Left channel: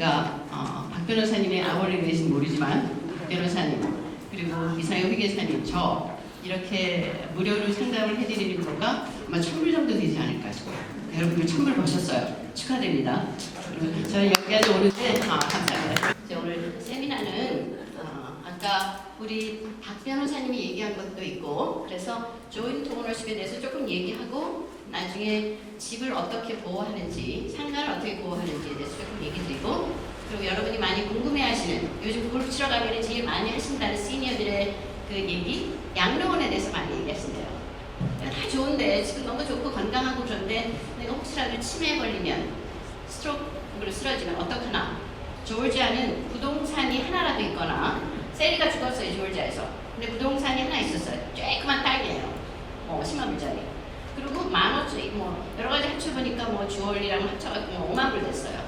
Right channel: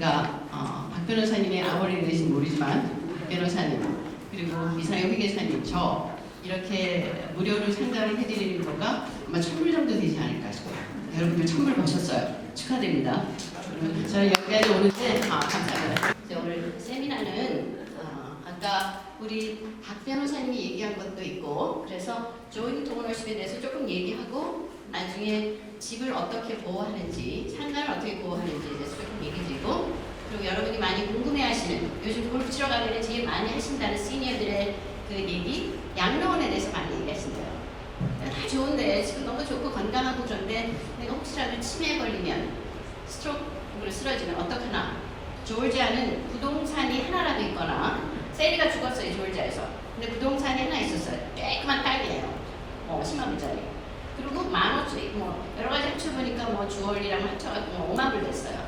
우리가 박 변호사님의 아버지 되신지 모르지만 박 변호사님 그리고 이상형 회계사님 저 이렇게 무료로 상담을 해드리는 거가 아마 10% 정도 되지 않을까 싶어요. 여러분들 선물 보셨어요. 축하드립니다. 저는 여기까지 오는데 감사합니다. 오늘 세미나는 아까 우리 박 변호사님이 얘기한 것도 있고 그래서 조인트 오너십에 대해서 조금 얘기하고 나중에 집을 어떻게 보호하는지 상가를 어떻게 보호하는지에 대해서 조금 얘기드리고 그리고 여러분이 많이 궁금해하시는 요즘 골프 치러 가기를 제일 많이 하신다는 시니어들의 그 얘기 양로원에 대해서 많이 얘기하시네요. 다 좋은데 지금 너무 좋고 건강하고 그런데 내가 혹시라도 치매에 걸리면 스트로크로 쓰러지면 어떡하나. 조지아는 부동산이 하나라도 있거나 세리가 죽었어요 조지아에서. 근데 부동산이 하나 있었어요. 쬐그만 땅이에요. 10만 불짜리. 그리고 15,000불이 여러 가지 합쳐보니까 주얼리랑 합쳐가지고 5만 불 됐어요.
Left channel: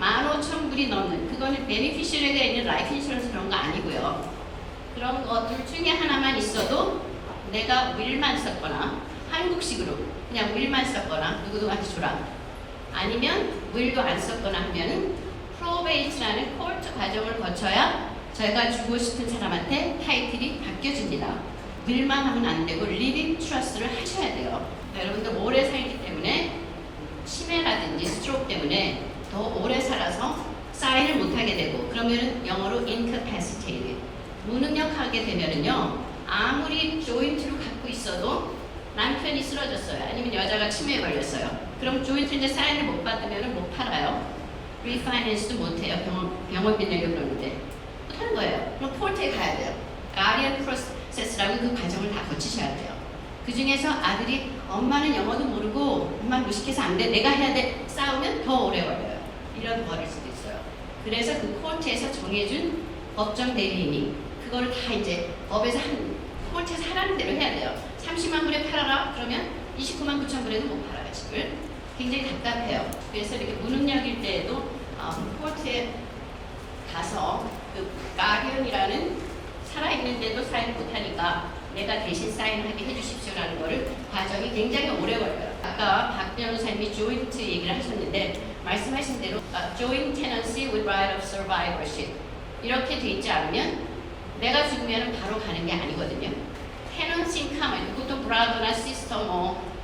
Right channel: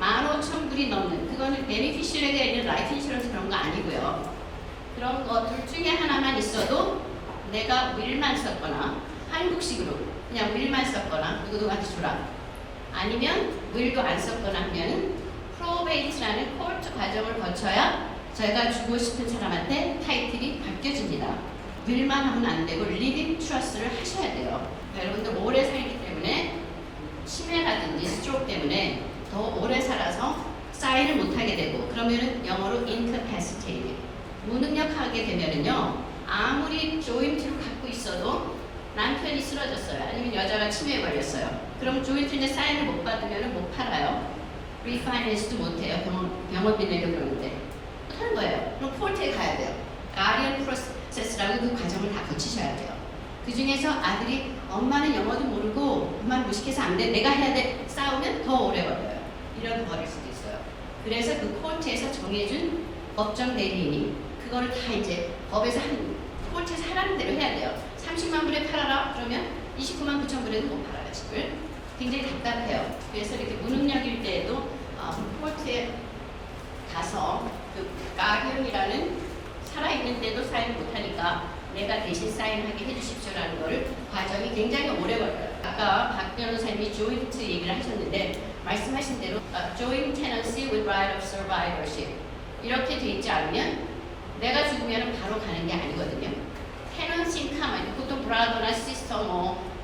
15,000불이 넘는 그거는 베네피셜리가 있는 라이프 인슈런스 그런 거 아니고요. 그런 거 둘 중에 하나만 있어도 내가 윌만 썼거나 한국식으로 그냥 윌만 썼거나 누구도 같이 줘라 아니면 윌도 안 썼거나 하면은 프로베이트라는 코르트 과정을 거쳐야 제가 주고 싶은 사람한테 타이틀이 바뀌어집니다. 윌만 하면 안 되고 리빙 트러스트를 하셔야 돼요. 여러분들 오래 살기 때문에 치매라든지 스트로크 때문에 더 오래 살아서 사인을 못하게 되고 그러면 영어로 incapacitated 무능력하게 되면은요 아무리 조인트를 갖고 있어도 남편이 쓰러졌어요 아니면 여자가 치매에 걸렸어요 그럼 조인트인데 사인을 못 받으면 못 팔아요 리파이낸스도 못해요 병원 빌리려고 그러는데 못하는 거예요 그럼 코르트에 가야 돼요 가디언 프로세스라는 그 과정을 다 거치셔야 돼요 그 중에서 아들이 엄마는 영어도 모르고 엄마 무식해서 안 돼 내가 해야 돼 싸우면 더 오래 걸려요 이런 버릴 수도 있어요 그래서 그 코르트에서 정해준 법정 대리인이 그걸 다 이제 법에서 코르트에서 하라는 대로 해야 돼요 30만 불에 팔아라 그러면 29만 9천 불에도 못 팔아요 집을 굉장히 답답해요 그래서 이렇게 무능력일 때에도 코르트에 가서 그 가디언이라는 살아있는데도 사인 못하니까 내가 대신 사인하게 해주십시오라는 거를 과정이 굉장히 오래 걸려요 아까 박 변호사님이 조인트 얘기를 하셨는데 말씀하신 대로 joint tenancy with right of survivorship 이렇게 돼 있지 않으면 내가 죽으면 바로 가는 게 아니거든요. tenancy income 보통 브라더나 시스터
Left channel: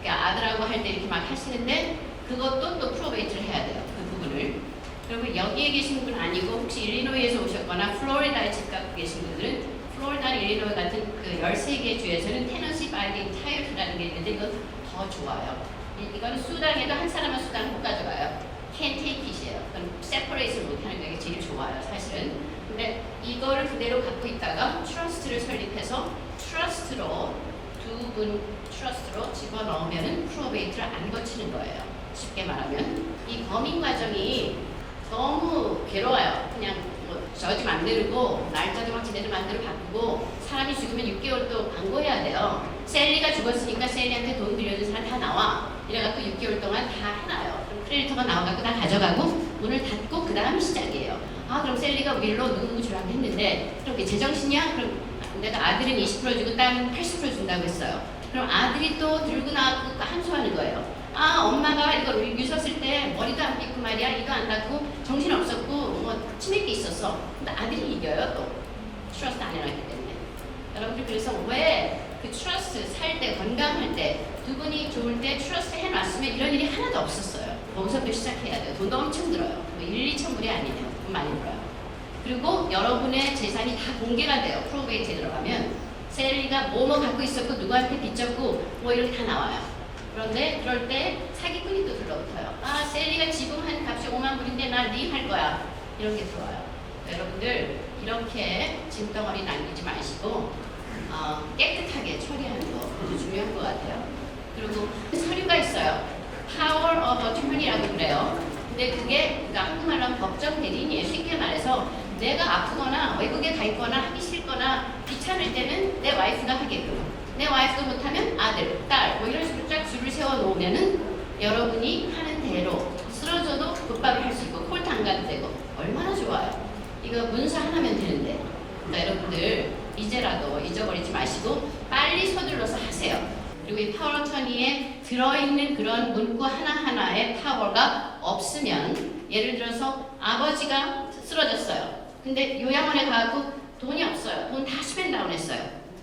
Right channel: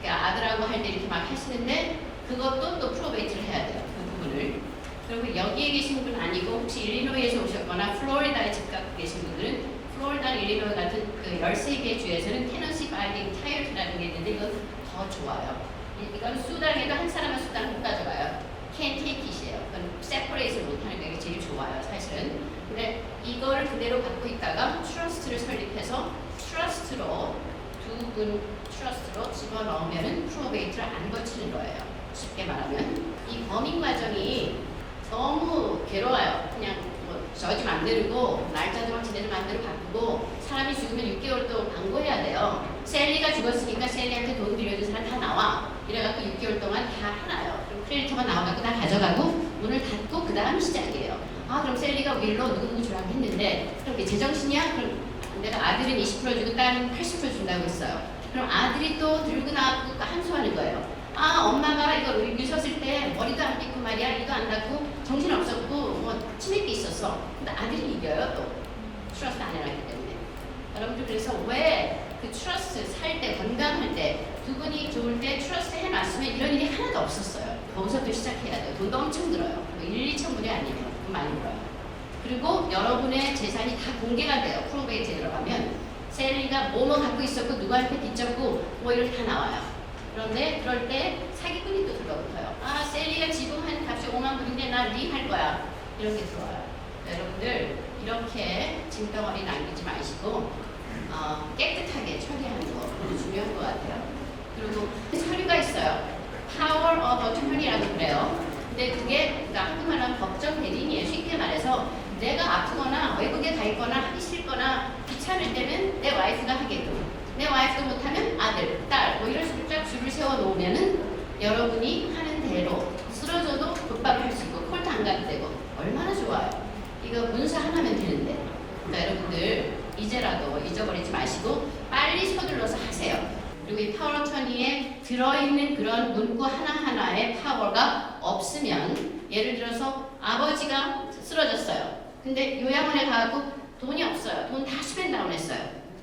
아들하고 할 때 이렇게 막 하시는데 그것도 또 프로베이트를 해야 돼요. 그 부분을. 그리고 여기에 계신 분 아니고 혹시 일리노이에서 오셨거나 플로리다에 잠깐 계신 분들은 플로리다, 일리노이 같은 그 13개 주에서는 tenancy by the entirety라는 게 있는데 이건 더 좋아요. 이건 수당에도 한 사람은 수당 못 가져가요. can't take it이에요. 그건 separate을 못하는 게 제일 좋아요. 사실은. 근데 이거를 그대로 갖고 있다가 트러스트를 설립해서 트러스트로 두 분 트러스트로 집어넣으면 프로베이트를 안 거치는 거예요. 쉽게 말하면 이 범인 과정이 너무 괴로워요. 그냥 저지 만들고 날짜도 막 지네들 맘대로 바꾸고 사람이 죽으면 6개월 동안 광고해야 돼요. 셀리가 죽었으니까 셀리한테 돈 빌려준 사람 다 나와. 이래갖고 6개월 동안 다 해놔요. 크레디터가 나와갖고 다 가져가고 문을 닫고 그 다음 시작이에요. 그럼 셀리가 윌로 누구 주라고 했는데 그럼 이게 제정신이야? 그럼 내가 아들은 20% 주고 딸은 80% 준다고 했어요. 그럼 아들이 또 들고 나와서 함수하는 거예요. 엄마가 이거 미쳤을 때 머리도 안 빗고 말이야 이도 안 닦고 정신 없었고 치맥이 있었어. 근데 아들이 이겨요. 트러스트 안 해놨기 때문에. 여러분들 그래서 왜 그 트러스트 살 때 건강할 때 두 분이 좋을 때 트러스트 해놨으면 이런 일이 하나도 없었어요. 거기서부터 시작해야 돼요. 돈도 엄청 들어요. 1, 2천 불이 아니에요. 많이 들어요. 그리고 여러분의 재산이 다 공개가 돼요. 프로베이트에 들어가면 셀리가 뭐뭐 갖고 있었고 누구한테 빚졌고 이렇게 다 나와요. 그런데 그럴 때 사기꾼이 또 들어오고요. 셀리가 지금 한 값이 5만 불인데 나 리할 거야. 이렇게 들어와요. 여러분들 이렇게 짐덩어리 남기지 마시고 깨끗하게 처리하는 거 아주 중요한 것 같아요. 그리고 서류가 있어요. Power of Attorney라고 그래요. 근데 그게 한국말로 법정 대리인이에요. 쉽게 말해서 내가 아프거나 외국에 가 있거나 하기 싫거나 귀찮을 때는 내 와이프가 하게끔 내 와이프도 못하면 아들, 딸 이런 식으로 쫙 줄을 세워놓으면은 여러분이 하는 대로 쓰러져도 곧바로 할 수 있고 콜트 안 가도 되고 얼마나 좋아요. 이거 문서 하나면 되는데 그러니까 여러분들 이제라도 잊어버리지 마시고 빨리 서둘러서 하세요. 그리고 이 파워 어터니에 들어있는 그런 문구 하나하나의 파워가 없으면 예를 들어서 아버지가 쓰러졌어요. 근데 요양원에 가고 돈이 없어요. 돈 다 스펜다운 했어요.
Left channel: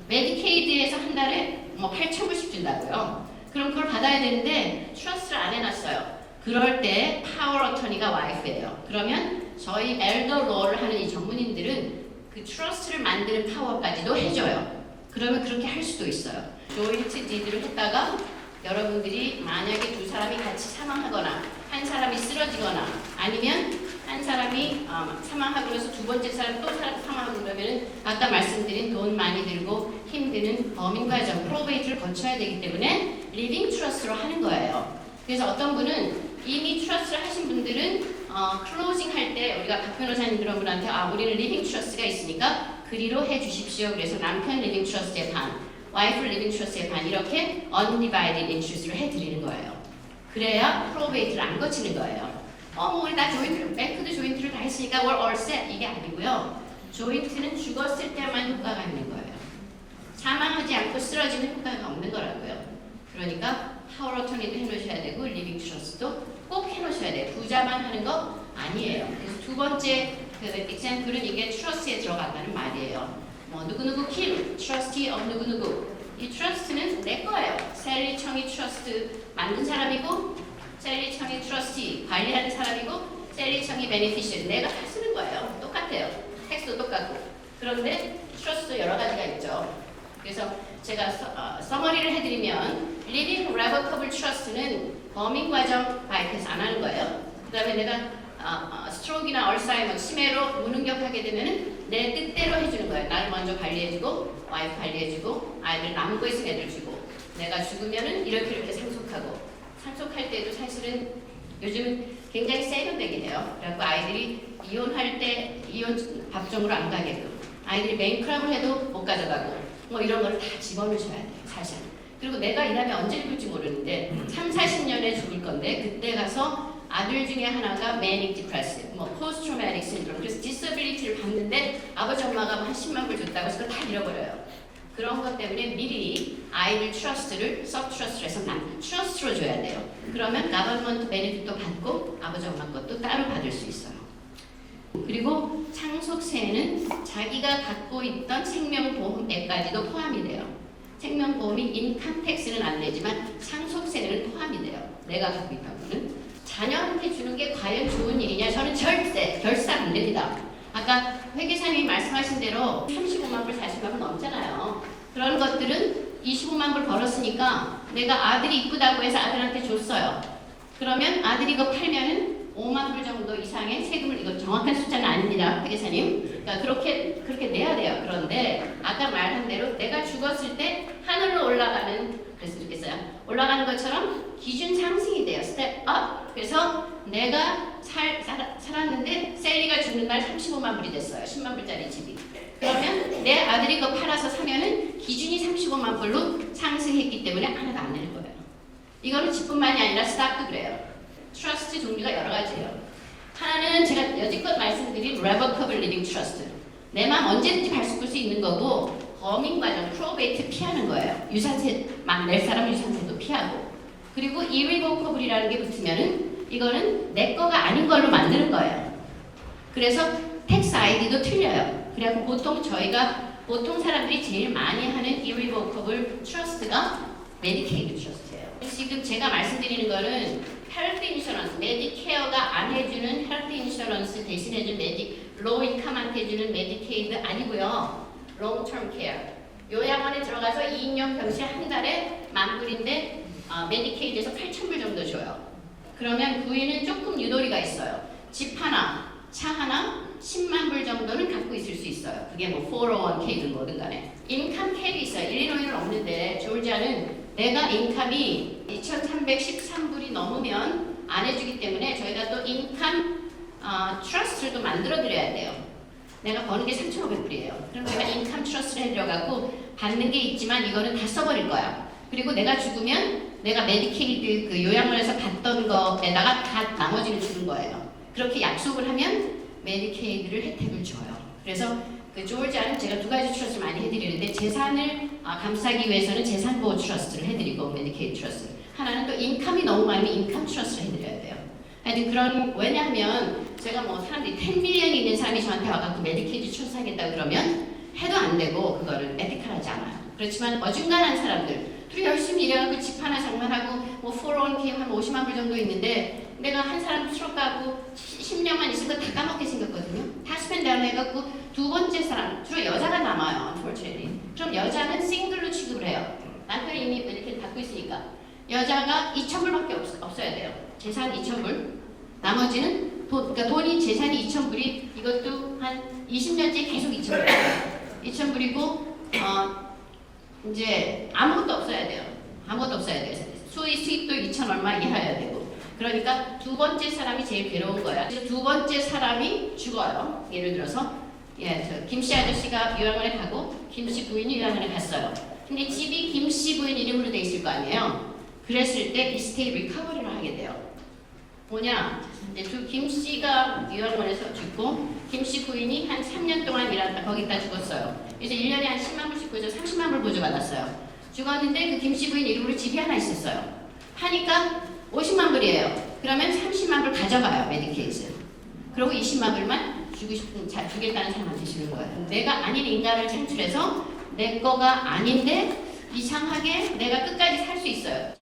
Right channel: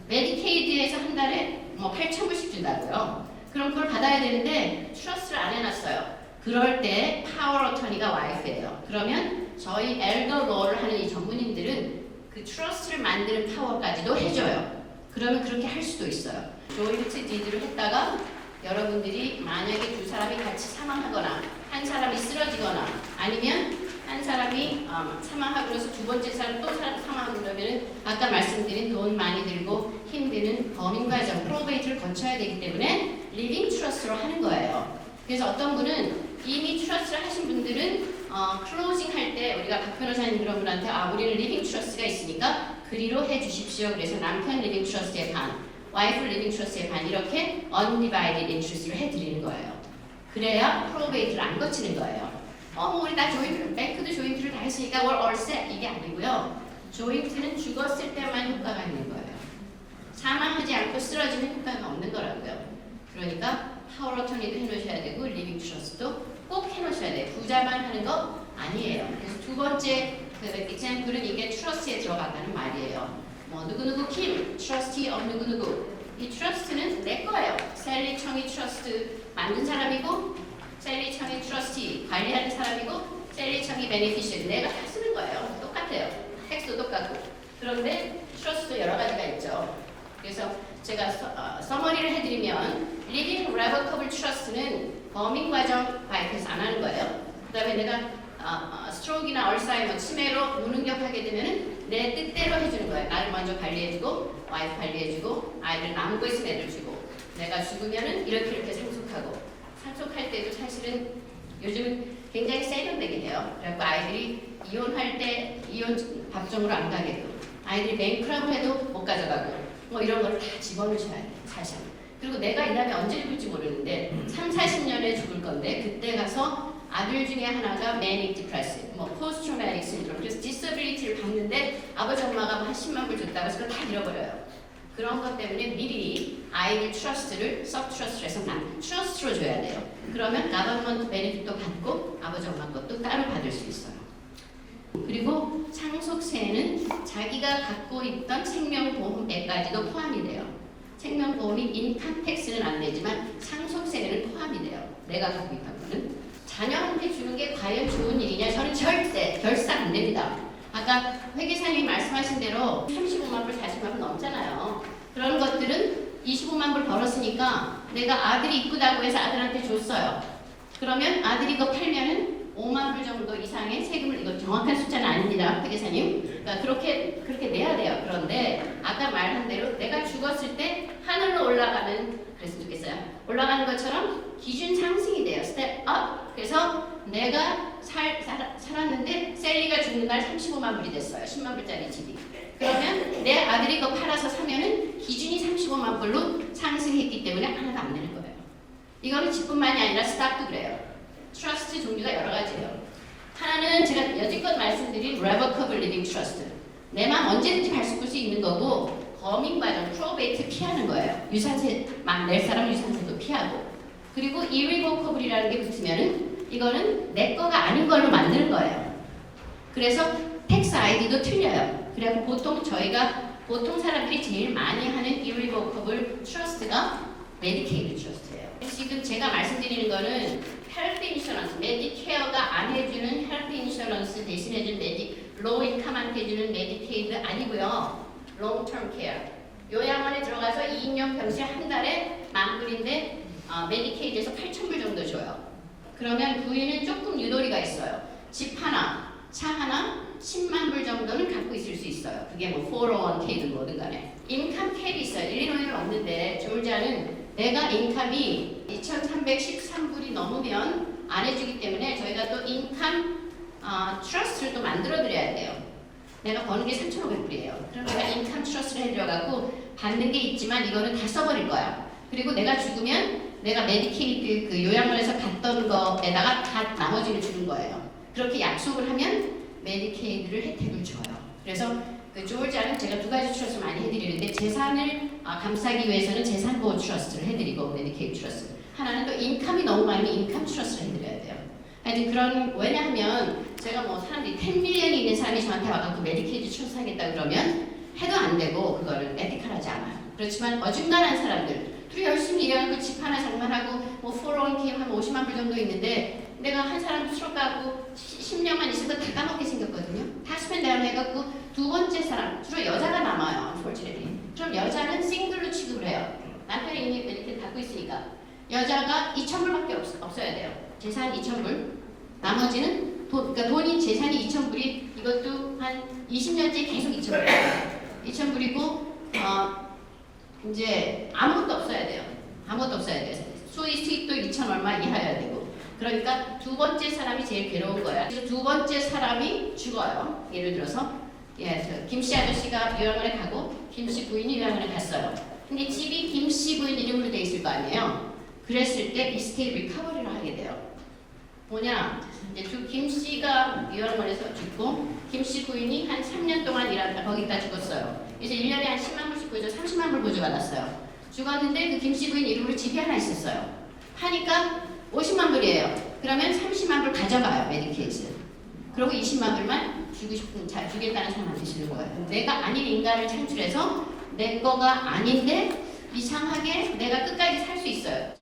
메디케이드에서 한 달에 뭐 8,000불씩 준다고요. 그럼 그걸 받아야 되는데 트러스트를 안 해놨어요. 그럴 때 파워 어터니가 와이프예요. 그러면 저희 엘더 롤을 하는 이 전문인들은 그 트러스트를 만드는 파워까지도 해줘요. 그러면 그렇게 할 수도 있어요. 조인트 디드를 했다가 여러분들이 만약에 두 사람이 같이 사망하거나 한 사람이 쓰러지거나 아니면 한 사람이 사망하고 나서 두 번째 사람 또 사망하고 그러면 아까 말씀드린 돈 많이 들고 힘드는 범인 과정 프로베이트를 거쳐야 되기 때문에 리빙 트러스트로 하는 거예요. 그래서 어떤 분은 이미 트러스트를 하신 분들은 클로징 할 때 우리가 박 변호사님 그런 분한테 우리는 리빙 트러스트가 있으니까 그리로 해주십시오. 그래서 남편 리빙 트러스트의 반, 와이프 리빙 트러스트의 반 이렇게 undivided interest를 해드리는 거예요. 그래야 프로베이트를 안 거치는 거예요. 우리 다 조인트를, 뱅크도 조인트를 다 했으니까 we're all set 이게 아니고요. 조인트는 죽었을 때만 효과가 있는 거예요. 사망하지 않고 쓰러지는 효과가 없는 거라고요. 그러니까 파워 어터니 해놓으셔야 되고 리빙 트러스트도 꼭 해놓으셔야 돼요. 부자만 하는 거 아니에요. 그래서 두 번째 example은 이게 트러스트에 들어간다는 말이에요. 뭐 누구누구 킬, 트러스티 of 누구누구. 이 트러스트는 내 거예요. 셀리 청이 트러스트 만든 사람이고 셀리 청이 트러스티 관리하는 사람이고 셀리 청이 베네피셔리 내가 다 쓰는 거예요. 똑같아요. 텍스도 똑같고. 그런데 트러스트도 여러 가지가 있죠. 그래서 제가 서머리를 해드리면 리빙 레버커블 트러스트는 범인 과정 와이프에서 안 하는 거예요. 그 다음에 내가 스트로크나 얼사이머, 치매로 무능력하게 되면 내 뜻대로 해주는 거예요. 나를 먼저 관리해주고 와이프 관리해주고 아이들 남은 거 있으면 애들 주고 내가 죽으면은 이렇게 상속하고 상속할 때도 사실은 요즘 굉장히 세련되게 해요. 그래서 아이들이 이혼할 때 이혼 법정으로 안 가게끔 아이들이 뱅크럽을 해도 못 가져가고 뭐 이런 거를 다 집어넣으셔야 돼요. 사실. 그리고 내가 이 다음에 언제 죽을지 모르는데 3, 40년에 죽을 건데 그때 가서 아들 중에 하나가 manic depressive, 뭐 post traumatic syndrome, 그래서 disability를 받는데 아버지 엄마가 80만 불 줬다고 해서 그걸 다 잃어버려요. 그런 것 때문에 미리 아이들 트러스트를 서브트러스트로 해서 트러스트로 줘야 돼요. 그러면 government benefit도 받고 아버지 엄마 것도 따로 받을 수 있어요. 그리고 상속세는 자기가 갖고 있던 생명보험액까지도 포함이 돼요. 생명보험이 인컴 텍스는 안 되지만 상속세는 포함이 돼요. 내가 갖고 있다고는. 자녀한테 주는 게 과연 좋은 일이냐? 저는 절대 결산 안 됩니다. 아까 회계사님이 말씀하신 대로 35만 불 40만 불 넘잖아요. 그런 것들은 25만 불 벌었으니까 내가 아들이 이쁘다고 해서 아들한테 줬어요. 그러면 아들이 그거 팔면 5만 불 정도 이상의 세금을, 이건 정확한 숫자는 아닙니다, 회계사님. 그러니까 그렇게 내야 돼요. 그런데 아까 말한 대로 내가 죽었을 때 하늘로 올라가면 그랬으면 좋겠어요. 올라가는 것처럼 기준 상승이 돼요. 스텝 업. 그래서 내가 살았는데 셀리가 죽는 날 35만 불이 됐어요. 10만 불짜리 집이. 그러면 내 아들이 그거 팔아서 사면 기준이 35만 불로 상승했기 때문에 하나도 안 되는 거예요. 이거는 집뿐만이 아니라 스탁도 그래요. 트러스트 종류가 여러 가지예요. 하나는 제가 여지껏 말씀드린 레버커블 리빙 트러스트. 내 맘 언제든지 발송할 수 있는 거고 범인 과정 프로베이트 피하는 거예요. 유산세 막 낼 사람 유산세도 피하고. 그리고 irrevocable이라는 게 붙으면은 이거는 내 거가 아닌 걸로 만드는 거예요. 그래서 텍스 아이디도 틀려요. 그래서 보통 사람들이 제일 많이 하는 irrevocable 트러스트가 메디케이드 트러스트예요. 지금 제가 말씀드리는 거는 헬스 인슈런스, 메디케어가 안 해주는 헬스 인슈런스 대신해준 로우 인컴한테 해주는 메디케이드 아니고요. 롱텀 케어. 요양원에 들어가서 2년 당시 한 달에 10,000불인데 메디케이드에서 8,000불 정도 줘요. 그러면 그 위에는 조금 유도리가 있어요. 집 하나, 차 하나, 10만 불 정도는 갖고 있을 수 있어요. 그게 뭐 401k든 뭐든 간에. 인컴 캡이 있어요. 일리노이는 없는데 조지아는 내가 인컴이 2,313불이 넘으면 안 해주기 때문에 저희가 또 인컴 트러스트를 또 만들어 드려야 돼요. 내가 버는 게 3,500불이에요. 그럼 제가 인컴 트러스트를 해들어가고 받는 게 있지만 이거는 다 써버릴 거야. 그리고 내가 죽으면 내가 메디케이드 그 요양원에서 받던 거에다가 다 나머지를 주는 거예요. 그렇게 약속을 하면 메디케이드를 혜택을 줘요. 그래서 그 조지아는 제가 두 가지 트러스트 많이 해드리는데 재산을 감싸기 위해서는 재산보호 트러스트를 해드리고 메디케이드 트러스트. 하나는 또 인컴이 너무 많으면 인컴 트러스트를 해드려야 돼요. 아니 그런 왜냐하면 제가 뭐 사람들이 10밀리언이 있는 사람이 저한테 와갖고 메디케이드 출산했다 그러면 해도 안 되고 그거를 에티컬하지 않아요. 그렇지만 어중간한 사람들 열심히 일하고 집 하나 장만하고 뭐 401k 한 50만 불 정도 있는데 내가 한 사람 수록하고 10년만 있으면 다 까먹게 생겼거든요. 다 스펜 다운 해갖고 두 번째 사람 주로 여자가 남아요. unfortunately. 그럼 여자는 싱글로 취급을 해요. 남편이 이미 이렇게 갖고 있으니까 여자가 2,000불밖에 없어야 돼요. 재산 2,000불. 나머지는 그러니까 돈이 재산이 2,000불이 이것도 한 20년째 계속 2,000불. 2,000불이고 이제 아무것도 없어야 돼요. 아무것도 없어야 돼요. 수입도 2,000 얼마 이하여야 되고. 그러니까 두 번째 사람이 제일 괴로운 거야. 그래서 두 번째 사람이 죽어요. 예를 들어서 김씨 아저씨가 요양원에 가고 김씨 부인이 요양원에 갔어요. 근데 집이 김씨 부인 이름으로 돼 있을 거 아니에요. 그랬을 때 이스테이트 리커버리를 하게 돼요. 뭐냐? 김씨가 요양원에서 죽고 김씨 부인이 한 3년 동안 일하다 거기다 죽었어요. 이제 1년에 한 10만 불씩 보죠. 30만 불 보조받았어요. 죽었는데 그 김씨 부인 이름으로 집이 하나 있었어요. 하니까 50만 불이에요. 그러면 30만 불 가져가요. 메디케이드. 그리고 20만 불만 주겠다는 사람한테 주는 거예요. 내가 아닌 인간을 창출해서 내 거가 아닌데 이상하게 내가 끝까지 살 수 있어요.